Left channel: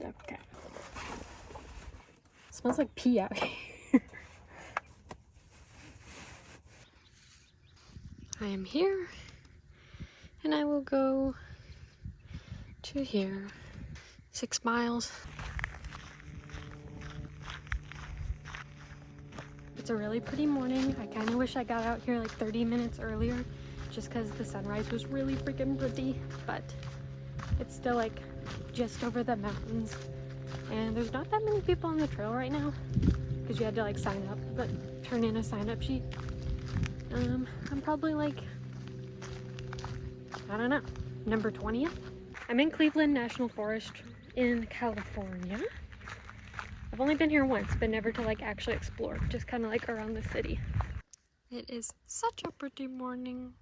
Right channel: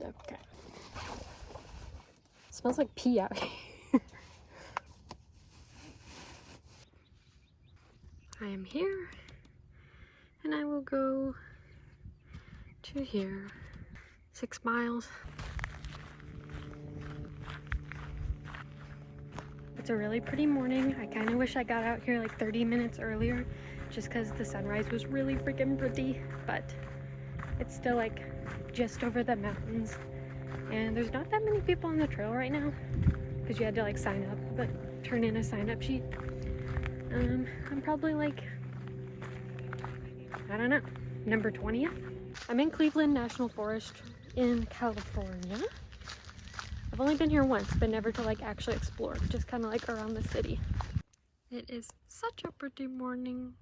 Okay. It smells like pee out here. I am here, and I will go to here. 6 miles. It's a really pretty morning. I kind of wish I got out here like 30 minutes earlier, just because the sunrise was really freaking pretty, but it's still like just over the mountains, and there's not that many people on the trail right now because you had to like sign up, but turn in a sign-up sheet. I'm probably like, I don't know, number 20th. I'm in Cleveland National Forest in California. I've only been here once, but never to like actually explore, just kind of like around the city. It is such a pretty morning.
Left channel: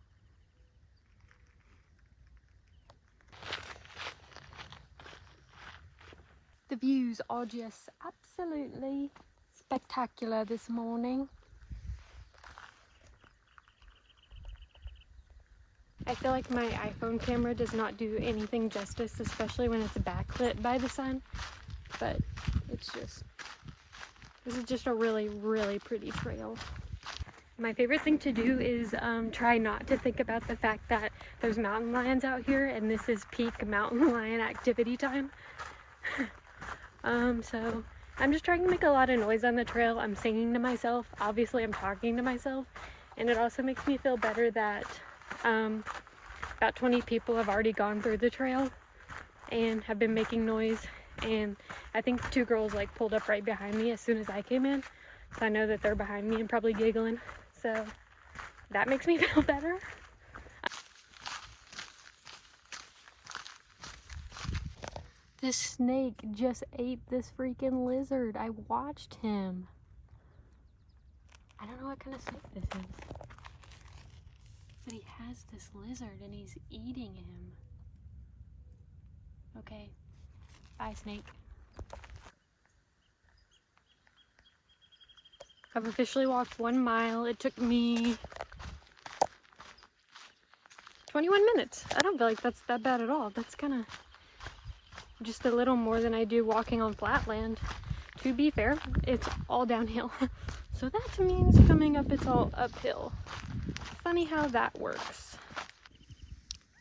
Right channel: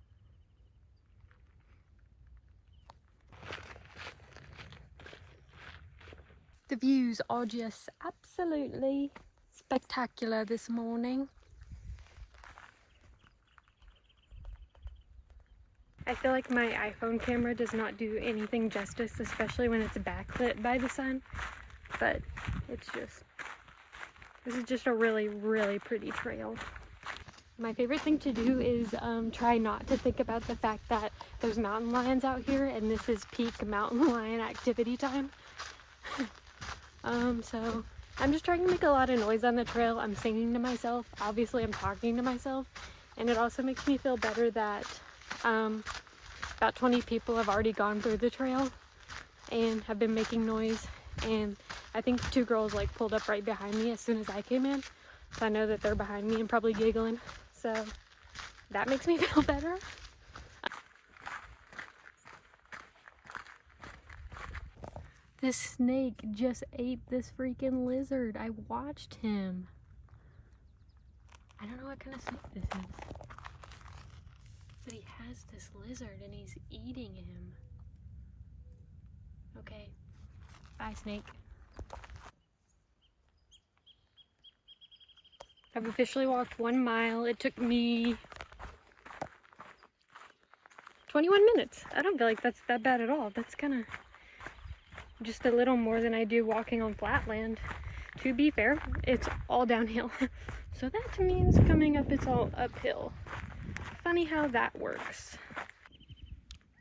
The views are just absolutely spectacular this morning. I feel like my iPhone camera does not do anything justice, especially when it's backlit by the sun, but it's just, this is just a really, really pretty trail. My favorite thing to do is try not to think about the fact that there's mountain lions out here and this is peak mountain lion activity time. So I'm just trying to make a lot of noise on the trail. I'm singing to myself. Obviously I'm talking to myself, and it also makes me feel better that about 20 people have already gone through the trail and have been making noise, and I think 2 girls like pulled up right behind me as soon as I came in, so I know that they're behind me and probably giggling, so that makes me feel better. This snake just ate this freaking lizard. I watched him. I don't know what kind of snake this is, but he has this lizard and he's eating him. Okay, bye snake. I've officially walked 1 mile. It took me 21 minutes. I don't feel like that's that bad at all. That's kind of just a little more than I do walking on flat land. To be fair, it's all downhill. So that means coming up it's all uphill. Funny how that works.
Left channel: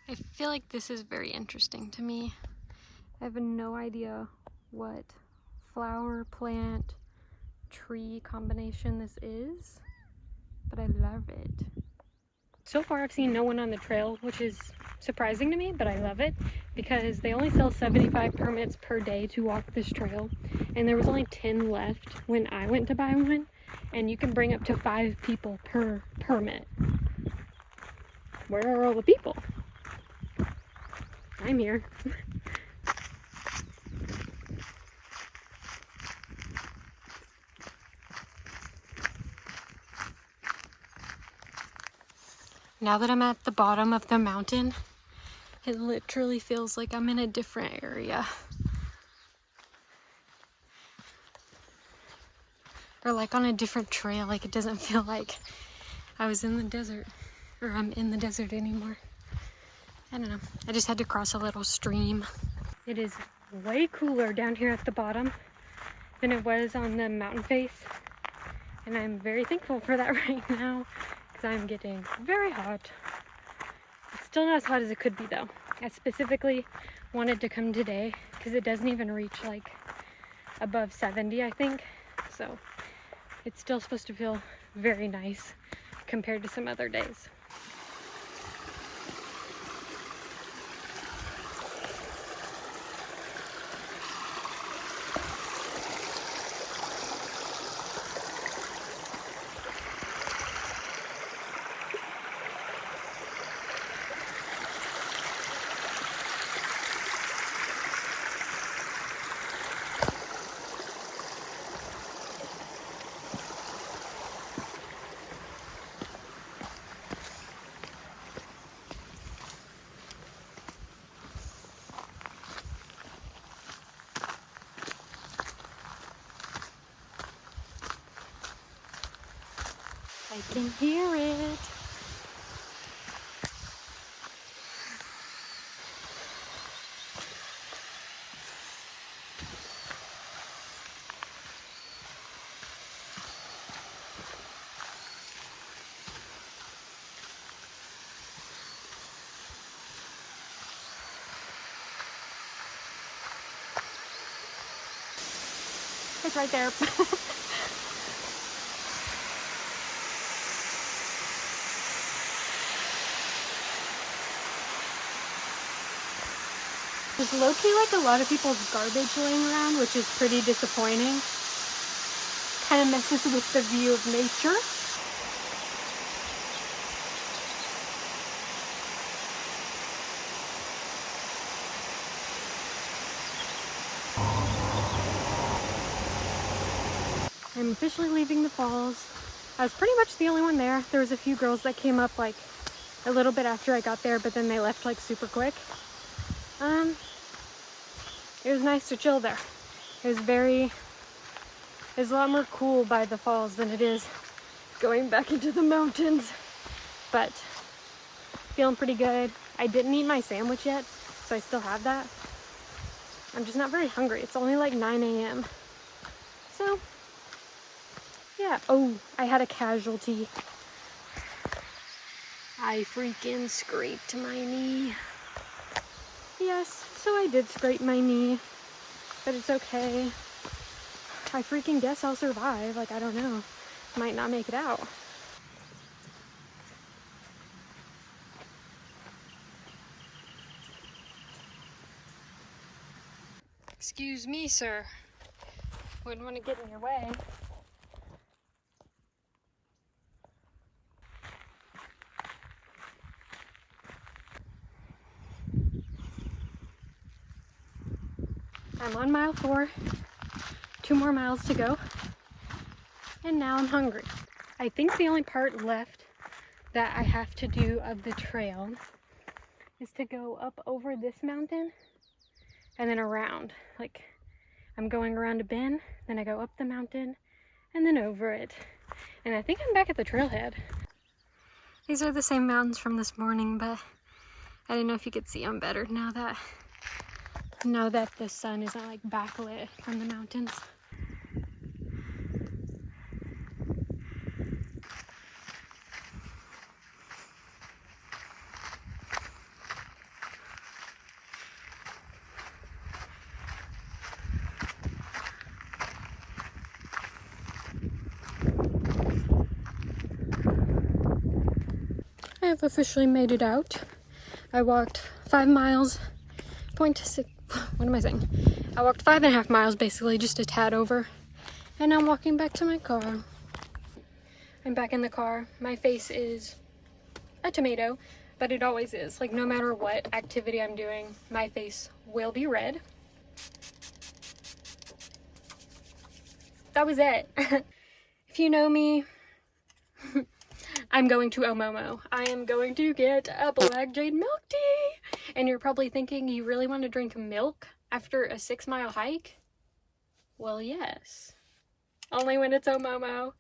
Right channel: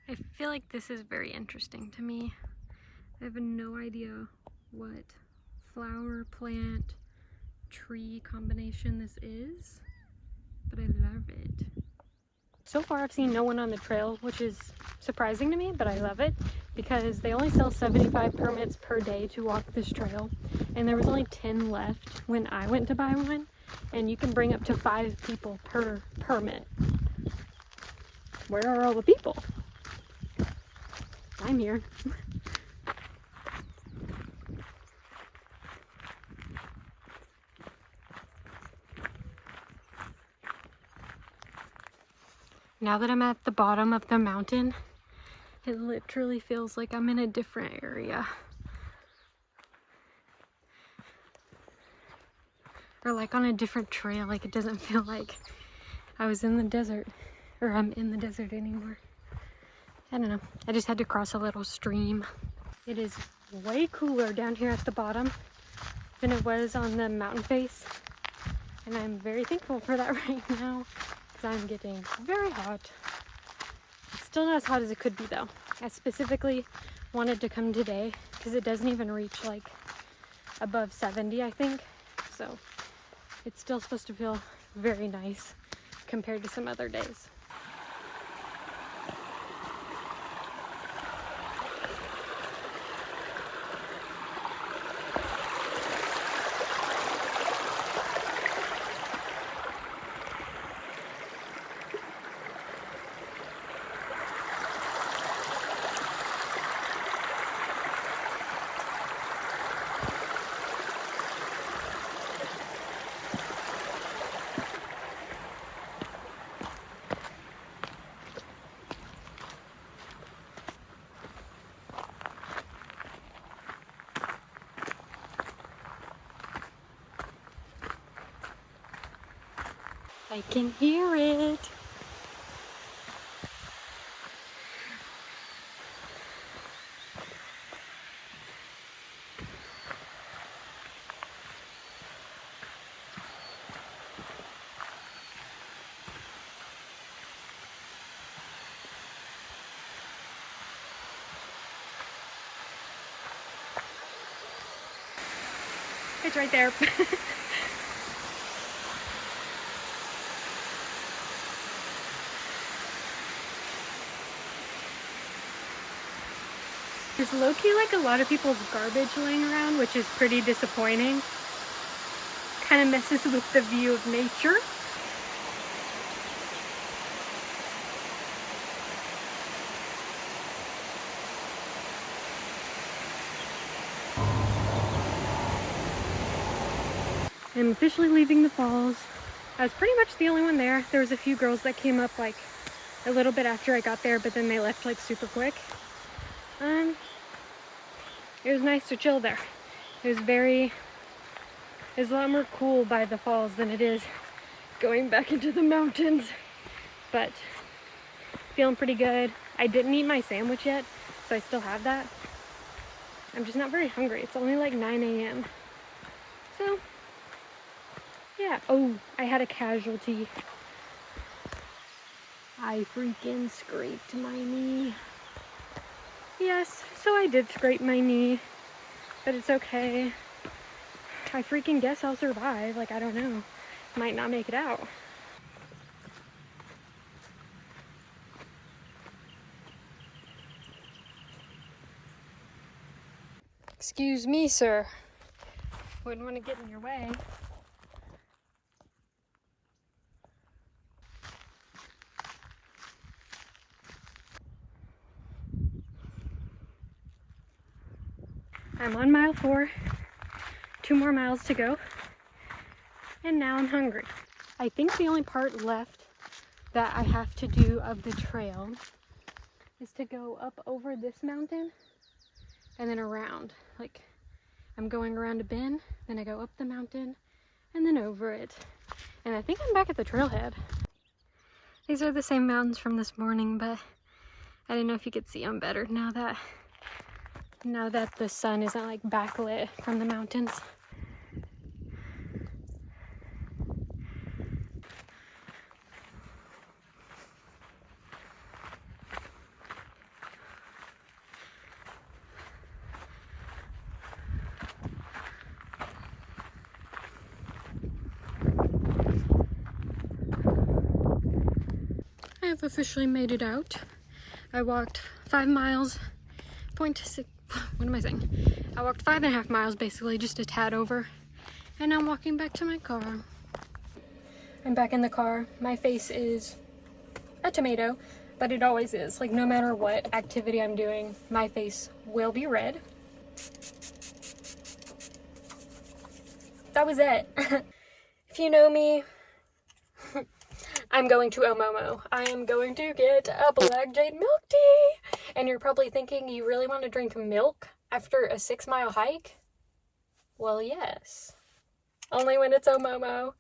I feel like this is very interesting to me. I have no idea what flower, plant, tree combination this is, but I love it. So far I've seen no one on the trail, which is surprising to me, but I love it because they only sell 75 permits per day to walk this trail, and there was only 10 left when I went to buy one, and you can bring up to 5 people per permit. Where are all the people? I'm here. Now that I'm at the bottom of the mountain, it literally feels like I'm in a different area. Or like on a different trail, like it doesn't feel like I was in the desert, or I'm in the desert anymore. I don't know, I just had to cross a little stream. It is way cooler down here at the bottom than it was on the mountain face, and I'm very thankful for that right now because I'm getting very hot. It's still not as hot as it could be though. I specifically wanted to come today because it doesn't even reach like above 70, I think, so it's still supposed to feel very nice compared to some other days. I can hear it. It's right there. There's low-key like a lot of people's garbage laying around, which is pretty disappointing. Kind of messes with the view of nature. I'm officially leaving the falls. I was pretty much the only one there. There was a few girls that came up like a little bit after I got there, but then they left like super quick. It was nice to chill there. It was a lot more cool by the falls than it is going back into the mountains. But feeling pretty good. I didn't eat my sandwich yet, so I still have that. I'm just not very hungry. It's only like 9 a.m. So, yeah. Oh, I had a casualty. I freaking scraped my knee. Yes, so I did scrape my knee, but it's okay. I freaking guess I'll survive. Like, I don't know. Might not make it out. Excuse me, sir. Wouldn't want to get in your way. I'm on mile 4. 2 more miles to go. And now I'm hungry. I think the only part left that I have to do of the trail is to go up over this mountain and then around. Like, I'm going around a bend, then I go up the mountain and then over it. And I think I'm back at the trailhead. These are the same mountains from this morning, but I didn't know if you could see them better now that the sun isn't like backlit from the mountains. I have officially made it out. I walked 5 miles, 0.6, what am I saying? I walked 5.5 miles basically, just a tad over. And now I'm walking back to my car. I'm back in the car. My face is a tomato, but it always is. Like, no matter what activity I'm doing, my face will be red. That was it. If you know me, I'm going to Omomo. I am going to get a black jade milk tea. And you're probably thinking, you really want to drink milk after a 6-mile hike? Well, yes. Only when it's Omomo.